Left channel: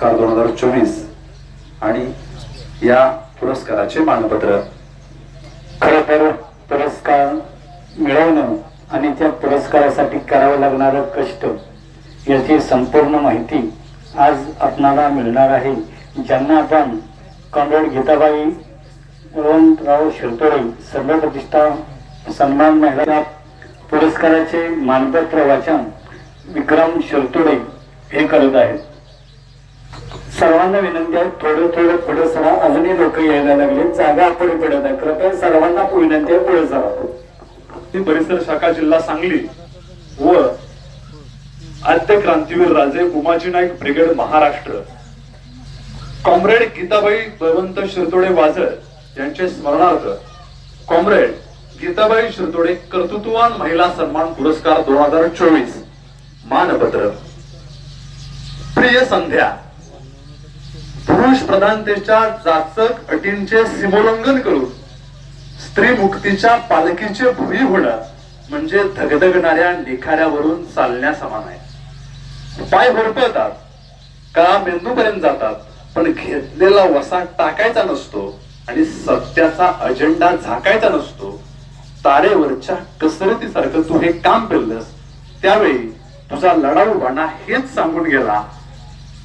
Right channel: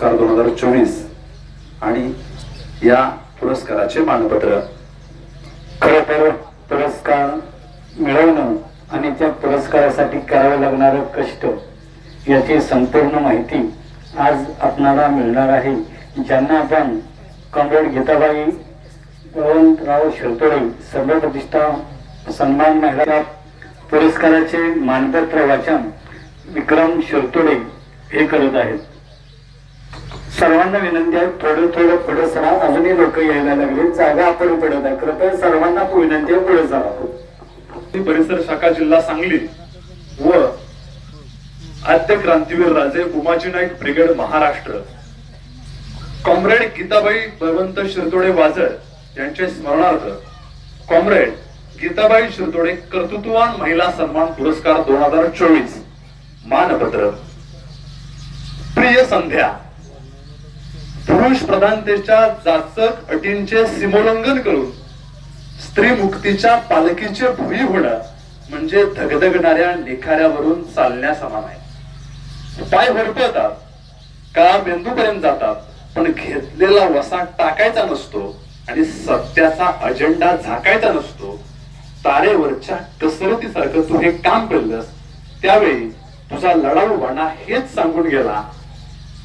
पुरस्कार दोन हजार चोवीस आणि या पुरस्काराचे मानपत्र. खर तर पुरस्कार मिळवणं आणि त्या पुरस्कारासाठी करावं लागणारं कष्ट याची संपूर्ण माहिती आज आपणाला मिळणार आहे. ज्यांना आपण कॉम्रेड गीताबाई बळवंतराव शिरतोळे सर्व प्रतिष्ठा सन्मान महिला पुरस्काराचे मानपत्र वाचन विक्रम शिरतोडे हे करत आहेत. सर्वांना विनंती आहे थोडं थोडं पुढे सरा अजूनही लोक यायला लागले. जागा आपण पडत आहे कृपया सर्वांना विनंती आहे पुढे जावा. परिसर शाखा जिल्हा सांगली व आद्य क्रांतीवीर राजे उमाजी नाईक ब्रिगेड महाराष्ट्र. कॉम्रेड गीताबाई बळवंत शिरतोडे वाजर यांचे स्मरणार्थ कॉम्रेड गीताबाई शिरतोडे कर्तृत्ववान महिला सन्मान पुरस्कार दोन हजार चोवीस. मानपत्र. प्रिय संध्या पुरुष प्रधानतेच्या जाचक अटींचे सीमोल्लंघन करून स्त्री मुक्तीच्या पालखीचे भुई होणं म्हणजे धगधगणाऱ्या निखाऱ्यावरून चालण्या समान आहे पाय भरपळतात का मेंदूपर्यंत जातात पण घेतलेला वसा टाकायचा नसतो आणि सत्याचा अजेंडा झाकायचा नसतो. तारेवरच्या कसरतीसारखं तू हे काम केलंस त्यावेळी तुझा लढाऊपणा हेच सांगून गेला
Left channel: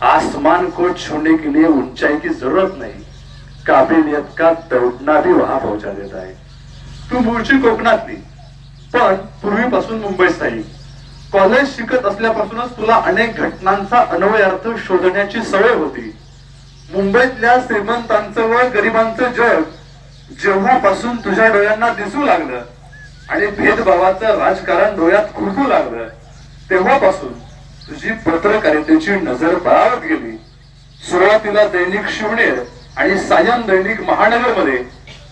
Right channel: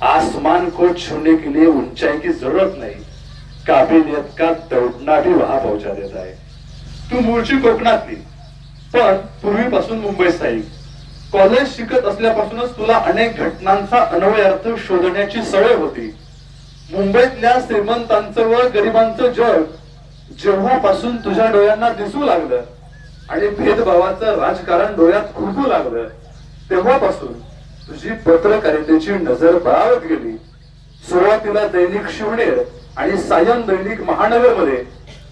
आसमान को छूने के लिए ऊंचाई की जरूरत नहीं। काबिलियत का दौडना भी वहां पहुंचा देता है। तू मूळची कोकणातली पण पूर्वीपासून मुंबई स्थायिक कॉलेज शिकत असल्यापासूनच तुला अनेक घटनांचा अन्वय अर्थ शोधण्याची सवय होती. मुंबईतल्या श्रीमंतांचं व गरिबांचं जग जेव्हापासून तुझ्या डोळ्यांना दिसू लागलं आणि भेदभावाचं राजकारण डोळ्यात खुरकू लागलं तेव्हापासून तुझी पत्रकारितेची नजर बळावत गेली. सुरुवातीला दैनिक शिवनेर आणि सायन दैनिक महानगरमध्ये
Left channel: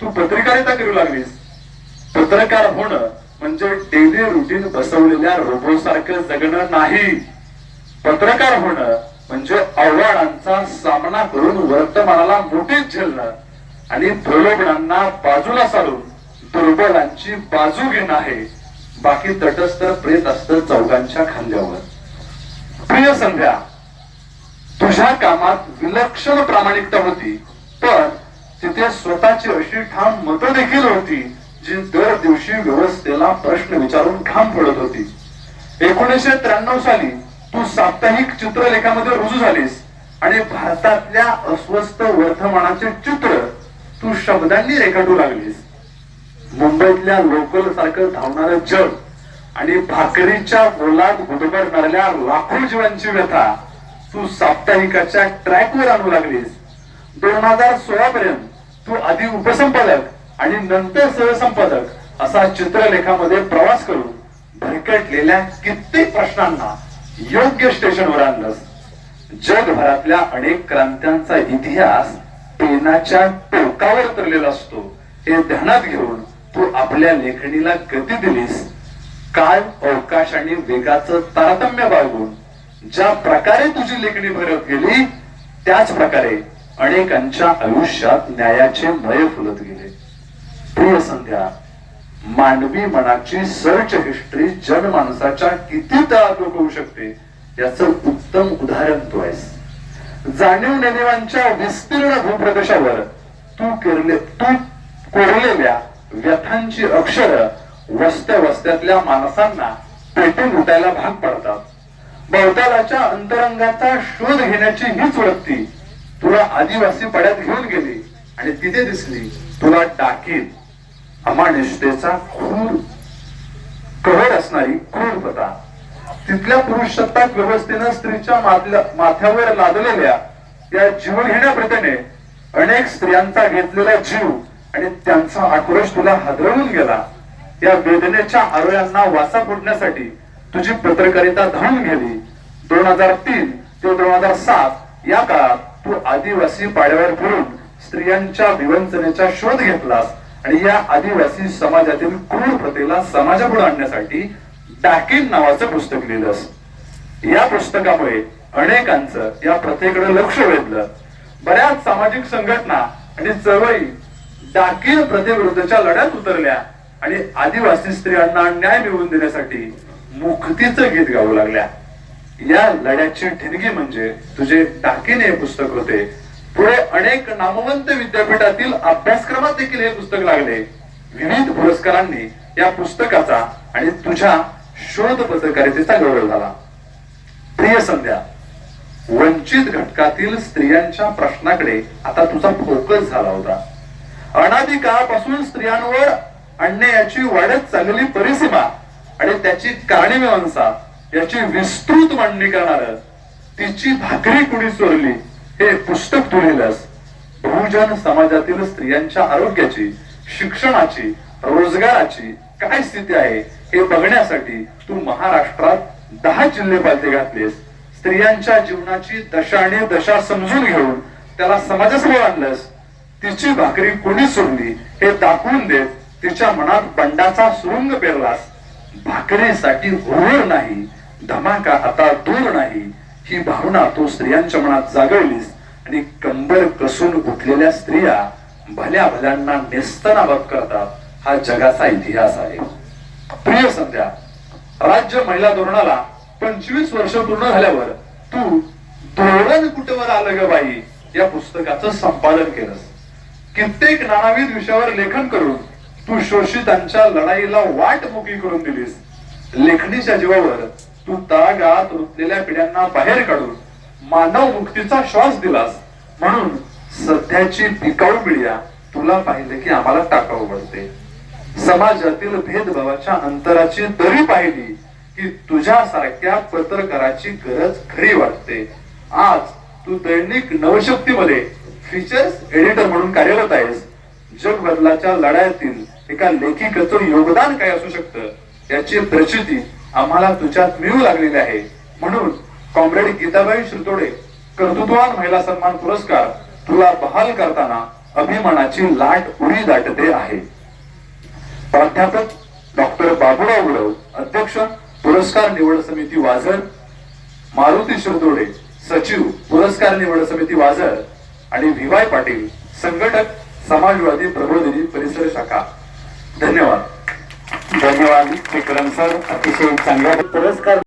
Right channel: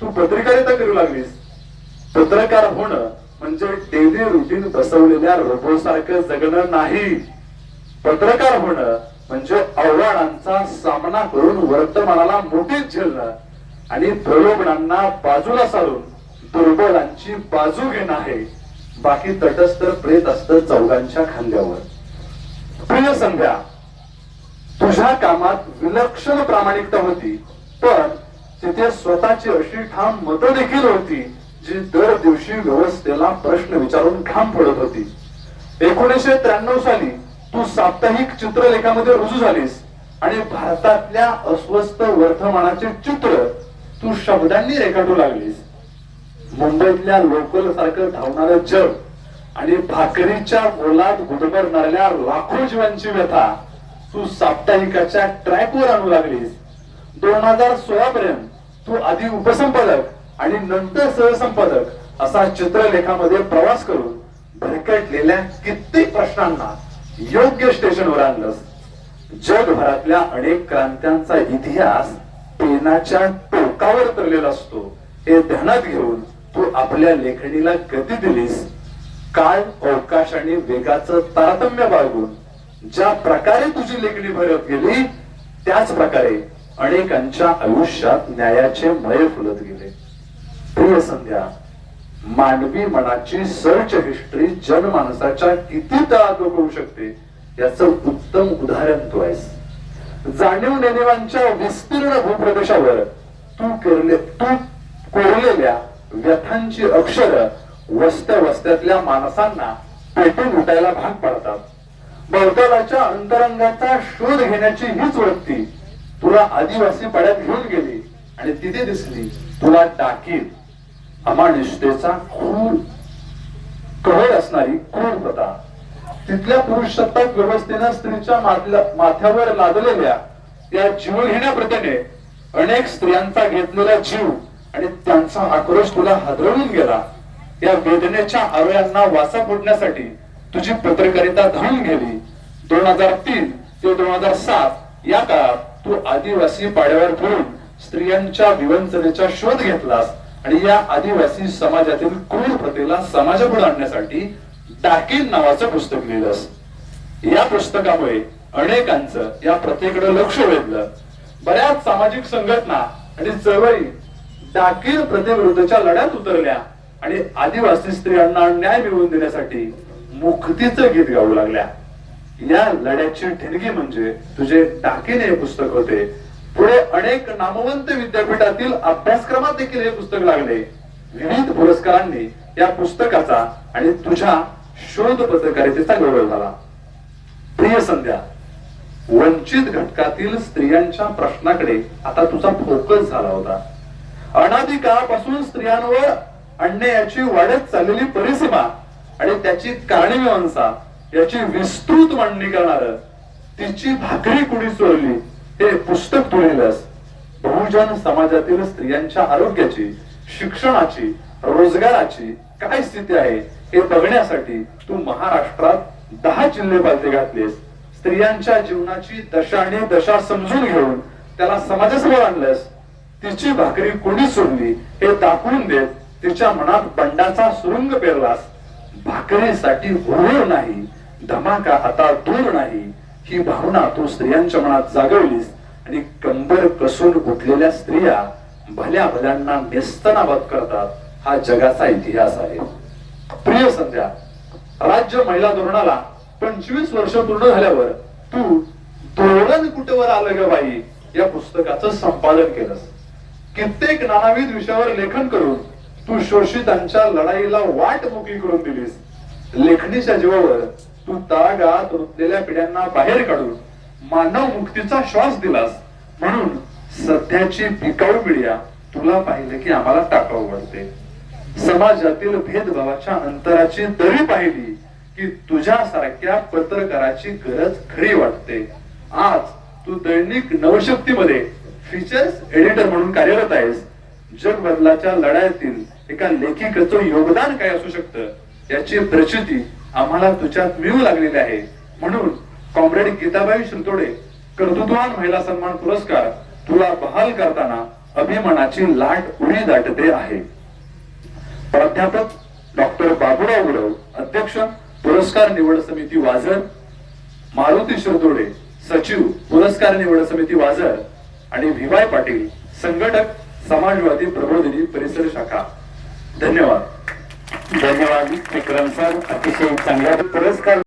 तू पत्रकारिता करू लागलीस. पत्रकार होणं म्हणजे डेली रुटीन बसवलेल्या रोबो सारखं जगणं नाही. पत्रकार होणं म्हणजे आव्हानांचा सामना करून वर्तमानाला मोठीच झेलणं आणि प्रलोभनांना बाजूला सारून दुर्बलांची बाजू घेणं आहे. बाकी तटस्थ प्रेत असतं चौघांच्या खांद्यावर. प्रिय संध्या तुझ्या कामात विलक्षण प्रामाणिकता होती पण तिथे स्वतःची अशी ठाम मतं देखील होती जी दर दिवशी व्यवस्थेला प्रश्न विचारून ठाम पडत होती. एकोणीसशे त्र्याण्णव साली तू साप्ताहिक चित्रलेखामध्ये रुजू झालीस आणि भारतातल्या अस्वस्थ वर्तमानाचे चित्र तू शब्दांनी रेखाटू लागलीस. मुंबईतल्या लोकल सारखं धावणारं जग आणि भाकरीच्या बोलात गुदमरणाऱ्या लाखो जीवांची व्यथा. तू साप्ताहिकाच्या ट्रॅकवर आणू लागलीस. दोन हजार सोळा पर्यंत तू आधी उपसंपादक आणि नंतर सहसंपादक असा चित्रलेखामध्ये प्रवास करून भरकटलेल्या कित्येक प्रश्नांना योग्य स्टेशनवर आणलंस. जगभरातल्या अनेक क्रांत्यांचा इतिहास पेनाच्या टोकावर तरलेला असतो. हे ध्यानात घेऊन तू आपल्या लेखणीला गती दिलीस. काळ अवकाश आणि वेगाचं तारतम्य बाळगून ज्या प्रकारे तुझी लेखणी भरत गेली त्याच प्रकारे अनेकांच्या आयुष्यात न्यायाचे मय फुलत गेले. प्रिय संध्या मानवी मनाची सर्च हिस्ट्री जनमानसाच्या किती तळात होऊ शकते याचं उत्तम उदाहरण तू आहेस. जाणीव नेणीवांच्या विस्तीर्ण भूप्रदेशावर तू केरले तू कोरलेल्या व्यथांची अक्षर वस्त्या वस्त्यातल्या माणसांना पेटून उठायला भाग पाडतात. बहुतालाच्या अंतरंगाचा शोध घेण्याची हीच वृत्ती तुला आदिवासी पड्यात घेऊन गेली आणि तिथे दिसली तुला टाकीन अमानिष्ठेचा खूर कहर असणारी क्रूरपणा तिथल्या पुरुषसत्ताक व्यवस्थेनं स्त्रीच्या माथल्या- माथ्यावर लादलेल्या या जीव घेण्याप्रतीने अनेक स्त्रियांचा घेतलेला जीव आणि त्यांचा आक्रोश तुला हादरवून गेला. या वेदनेच्या आरोळ्यांना वाचा फोडण्यासाठी तुझी पत्रकारिता धावून गेली दोन हजार तीन ते दोन हजार सात या काळात तू आदिवासी पाड्यावर फिरून स्त्रियांच्या विवंचनेचा शोध घेतलास आणि या आदिवासी समाजातील क्रूर प्रथेला समाजापुढे आणण्यासाठी डाकील नावाचं पुस्तक लिहिलंस. या पुस्तकामुळे अनेकांचं या प्रथेकडे लक्ष वेधलं. बऱ्याच सामाजिक संघटना आणि चळवळी डाकील प्रथेविरुद्धच्या लढ्यात उतरल्या. आणि आदिवासी स्त्रियांना न्याय मिळवून देण्यासाठी मुक्तीचं गीत गाऊ लागल्या. या लढ्याची ठिणगी म्हणजे तुझे टाकीने हे पुस्तक होते. पुढे अनेक नामवंत विद्यापीठातील अभ्यासक्रमात देखील हे पुस्तक लागले. विविध पुरस्कारांनी या पुस्तकाचा आणि तुझ्या शोध पत्रकारितेचा गौरव झाला. प्रिय संध्या वंचित घटकातील स्त्रियांच्या प्रश्नाकडे आता तुझा फोकस झाला होता. अनादी काळापासून स्त्रियांवर अन्यायाची वाढत चाललेली परिसीमा आणि त्याची कारणीमीमांसा याची विस्तृत मांडणी करणार तिची भाकरी कुणी चोरली हे पुस्तक तू बहुजन समाजातील स्त्रियांच्या आरोग्याची शिक्षणाची रोजगाराची काय स्थिती आहे हे बघण्यासाठी तू महाराष्ट्रात दहा जिल्हे पालते घातलेस. स्त्रियांच्या जीवनाची दशा आणि दशा समजून घेऊन त्याला समाजासमोर आणलंस. तिची भाकरी कोणी सोडली हे दाखवून देत तिच्या मनात बंडाचा सुरुंग पेरलास. भाकरीसाठी होणार नाही धमाका आता दूर नाही. ही भावना तू स्त्रियांच्या मनात जागवलीस आणि कंबर कसून उठलेल्या स्त्रिया भल्या भल्यांना नेस्तनाबत करतात. हा जगाचा इतिहास आहे. प्रिय संध्या राज्य महिला धोरणाला पंचवीस वर्ष पूर्ण झाल्यावर तू धोरण कुठेवर आलं ग बाई? या पुस्तकाचं संपादन केलंस. कित्येक नानाविध विषयावर लेखन करून तू शोषितांच्या लढाईला वाट मोकळी करून दिलीस. लेखणीच्या जीवावर तू तळागाळात रुतलेल्या पिढ्यांना बाहेर काढून मानव मुक्तीचा श्वास दिलास. म्हणून सध्याची पिकाऊ पिढ्या तुला पाहिलं की आम्हाला टाकाऊ पडते. समाजातील भेदभावाच्या अंतराची दरी पाहिली की तुझ्यासारख्या पत्रकाराची गरज खरी वाटते. आज तू दैनिक नवशक्तीमध्ये फीचर्स एडिटर म्हणून कार्यरत आहेस. जगबदलाच्या लढ्यातील एका लेखिकेचं योगदान काय असू शकतं? याची प्रचिती आम्हाला तुझ्यात मिळू लागलेली आहे. म्हणून कॉम्रेड गीताबाई शिरतोडे कर्तृत्ववान महिला सन्मान पुरस्कार तुला बहाल करताना अभिमानाची लाट उडी दाटते आहे. प्राध्यापक डॉक्टर बाबुराव उडव अध्यक्ष पुरस्कार निवड समिती वाजर मारुती शिरदोडे सचिव पुरस्कार निवड समिती वाजर आणि व्ही वाय पाटील संघटक समाजवादी प्रबोधिनी परिसर शाखा. धन्यवाद. धन्यवाद विक्रम सर. अतिशय चांगला पुरस्कार.